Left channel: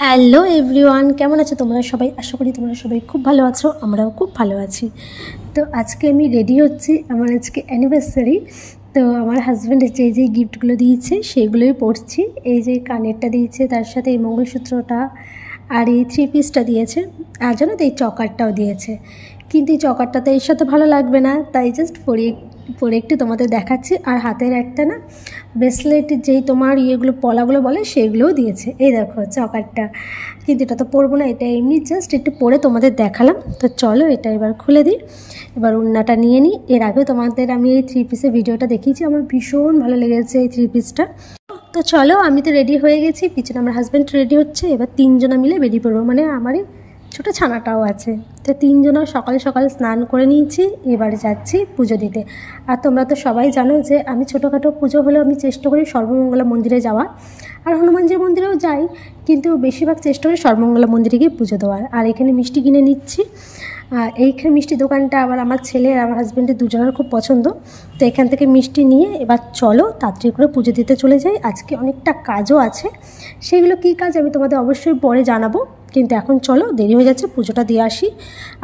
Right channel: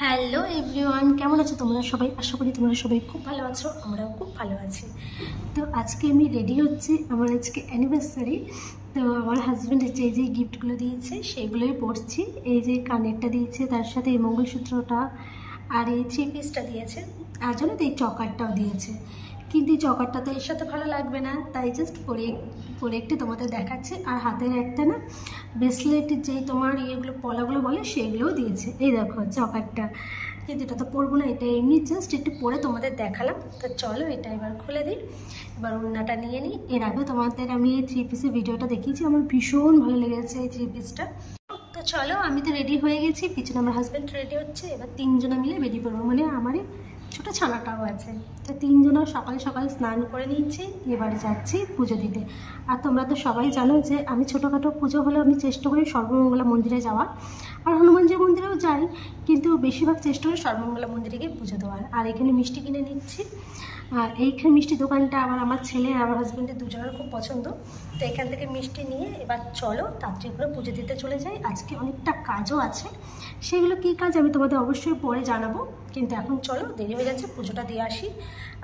Hello everyone, কেমন আছো তোমরা সবাই? আশা করি তোমরা সবাই খুব ভালো আছো, আমরাও খুব ভালো আছি। তো আজকে আমি রেডি হচ্ছি, আমার আজকে অ্যানিভার্সারি। তো আমার হাজব্যান্ড যে গিফটগুলো দিয়েছে সেগুলোই পরছি। এই যে কানেরটা দিয়েছে, তার সাথে এই মঙ্গলসূত্রটা আর এই 3 পিসটা দিয়েছে, আর জানো তো এই চকারটাও দিয়েছে। কিন্তু এই চকারটা তো এর সাথে ভালো লাগবে না, তাই জাস্ট পরে একটু তোমাদের দেখাচ্ছি। আর হাতের একটা না ব্রেসলেট, যেই তোমার ইয়েগুলো পলাগুলো বলে সেগুলোও দিয়েছে। এই দেখো চকারটা, কিন্তু এটা তো পরবো না, এটা এমনি জাস্ট একটু পরে তোমাদের দেখালাম। তো চলো এটা এবার খুলে দিই, এবার ওড়নাটা নিয়ে নিই। এর আগেও তোমাদের আমি এই 3 পিসের ভিডিওটা দেখিয়েছি, আমার ভীষণ ভালো লেগেছে এই 3 পিসটা। তো চলো, আমি তো রেডি হয়ে গেছি, পিছনে আমার হাজব্যান্ড রেডি হচ্ছে। এবার 3 জনা মিলে বেরিয়ে পড়বো, মানে আমারই ছোটো ছানাটাও আছে। তো 3 জনা সকাল সকাল স্নান করে নিয়েছি, এবার যাচ্ছি পুজো দিতে। আর তোমরা তো সবাই জানো যে আমি ছোটোখাটো পুজো হলেও আমি চেষ্টা করি সর্বমঙ্গলা মন্দিরে যাওয়া, আর হনুমানজি মন্দিরেও যাই, কিন্তু বেশিরভাগ চেষ্টা করি সর্বমঙ্গলা মন্দিরে গিয়ে পুজো দেওয়ার। আর এখানে মিষ্টি কিনে নিচ্ছি। এইখানে মিষ্টি দোকানটা আবার আমার ছেলে আর আমার হাজব্যান্ডের দুজনের খুব পছন্দ। তো এখান থেকে মিষ্টি নিয়ে এবার চলো তাড়াতাড়ি করে পুজো দিতে চলে যাই। আজকে অনেকটা কাজও আছে, সেগুলো কী কাজ আমি তোমাদের অবশ্যই পরে জানাবো, কিন্তু এখন চলো, দেরি হয়ে যাচ্ছে, পুজোটা দিয়ে আসি।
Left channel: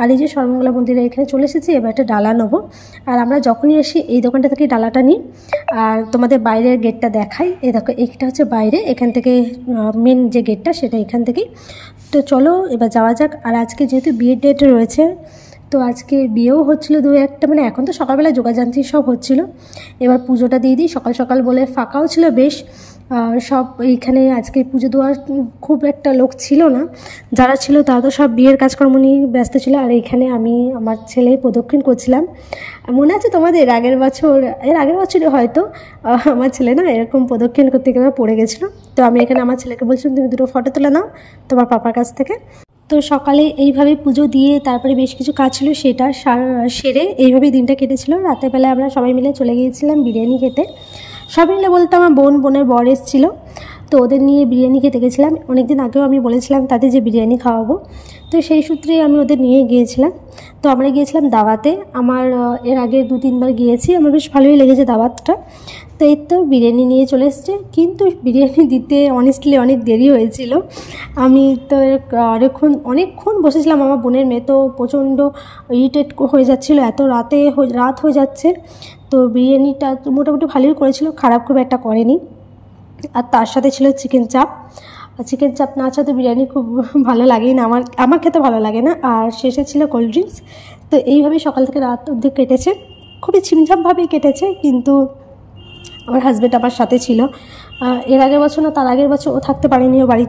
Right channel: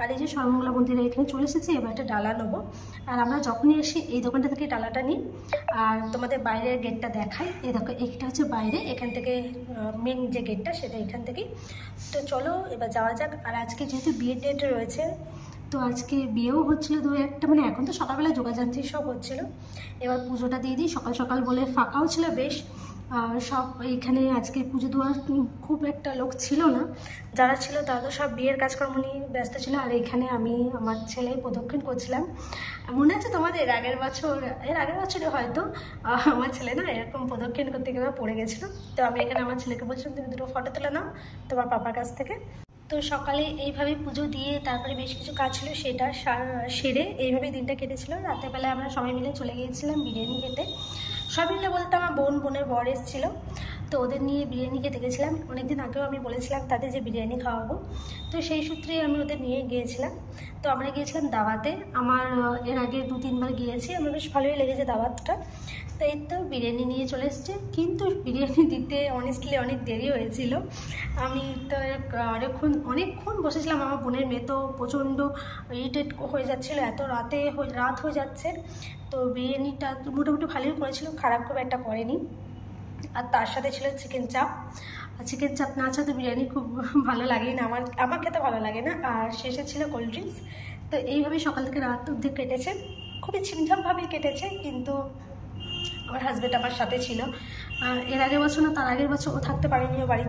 আর এই যে সর্বমঙ্গলা মন্দিরে এখানে চলে এসেছি, এবার একটা ডালা নেবো। আর আমরা যখনই আসি এই দোকানটা থেকে ডালাটা নিই। আর তোমাদের বাইরের গেটটা দেখাই, এই দেখো এইটা হচ্ছে বাইরে, এখান থেকে মেন যে গেটটা সেটা এখান থেকেই। তো চলো এবার যাওয়া যাক। আর আজকে যেহেতু বিয়ের ডেট রয়েছে, তো আজকে বিয়েও হচ্ছিলো 2-1টা, মানে এখন তো সকালবেলা যোগাযান্ত্রী সব হচ্ছিলো। এবার পুজোটা দিয়ে দিই, সকাল সকাল বলে ফাঁকাও ছিল বেশ। সব এইখানে আজকে পুজো দেওয়ার খুব একটা লোক ছিল না, যারা ছিল তারা তো সব বিয়ের কাজকর্ম নিয়ে ব্যস্ত ছিল। আর এইখানে আমি আমার ছেলে প্রদক্ষিণ করছিলাম। মনে আছে তোমাদের এর আগের বছরে হয়তো আমার ছেলে না এরকম প্রদক্ষিণ করতে গিয়ে পড়ে গেছিলো। তো আমি এখানে আমার ছেলেকে বলছিলাম তুমি 2টো ফটো তুলে নাও তোমার পাপার কাছ থেকে। তো সকালে এইভাবে পুজো দিয়ে তারপরে বেশ কিছু কাজ ছিল, সেটা সেরে এইভাবেই দিনটা কেটেছিল। রাতের বেলায় আমরা সবাই মিলে চলে গিয়েছিলাম বিরিয়ানি খেতে। সবাই মিলে বলতে আমার বোনের বর এসেছিলো, তো ওদের নিয়ে বিরিয়ানি খেতে গেছিলাম। অনেকদিন আগেও আমি বলেছিলাম তাদের যে বিরিয়ানি খাওয়াবো, তো সেই সূত্রেই আমি ওদের নিয়ে গিয়েছিলাম। তো আমরা গিয়েছিলাম দাওয়াতে, আমার এর আগে 2-3 বার গিয়েছি, আমার বেশ ভালোই লেগেছে দাওয়াতটা। তো এই তো বিরিয়ানি নিয়ে চলে এসছে, কিন্তু বিরিয়ানি দিতে অনেস্টলি অনেক দেরি হয়েছিল। আমি তো অনেকক্ষণ বসেছিলাম, আমার বোনের মেয়ে তো প্রচণ্ড ইরিটেট হয়ে যাচ্ছিলো, এত রাত হয়ে যাচ্ছে। তো বিরিয়ানিটা মোটামুটি ভালোই করেছিল, খারাপ খুব একটা করেনি। আর তার সাথে ছিল চিকেন চাপ, আর চিকেন চাপ না আছে তো বিরিয়ানি খুব ভালো লাগেই না, আমার খেতে ভালো লাগে না। আর শেষে ছিল কোল্ড ড্রিঙ্কস। তো এইভাবেই সকাল থেকে রাত অবধি কেটেছে, খুবই ছিমছামভাবেই কেটেছে। কিন্তু আমার হাজব্যান্ড আমার সাথে ছিল, এর আগের বছর না তার আগের বছর ও থাকতে পারেনি, ও বাড়ি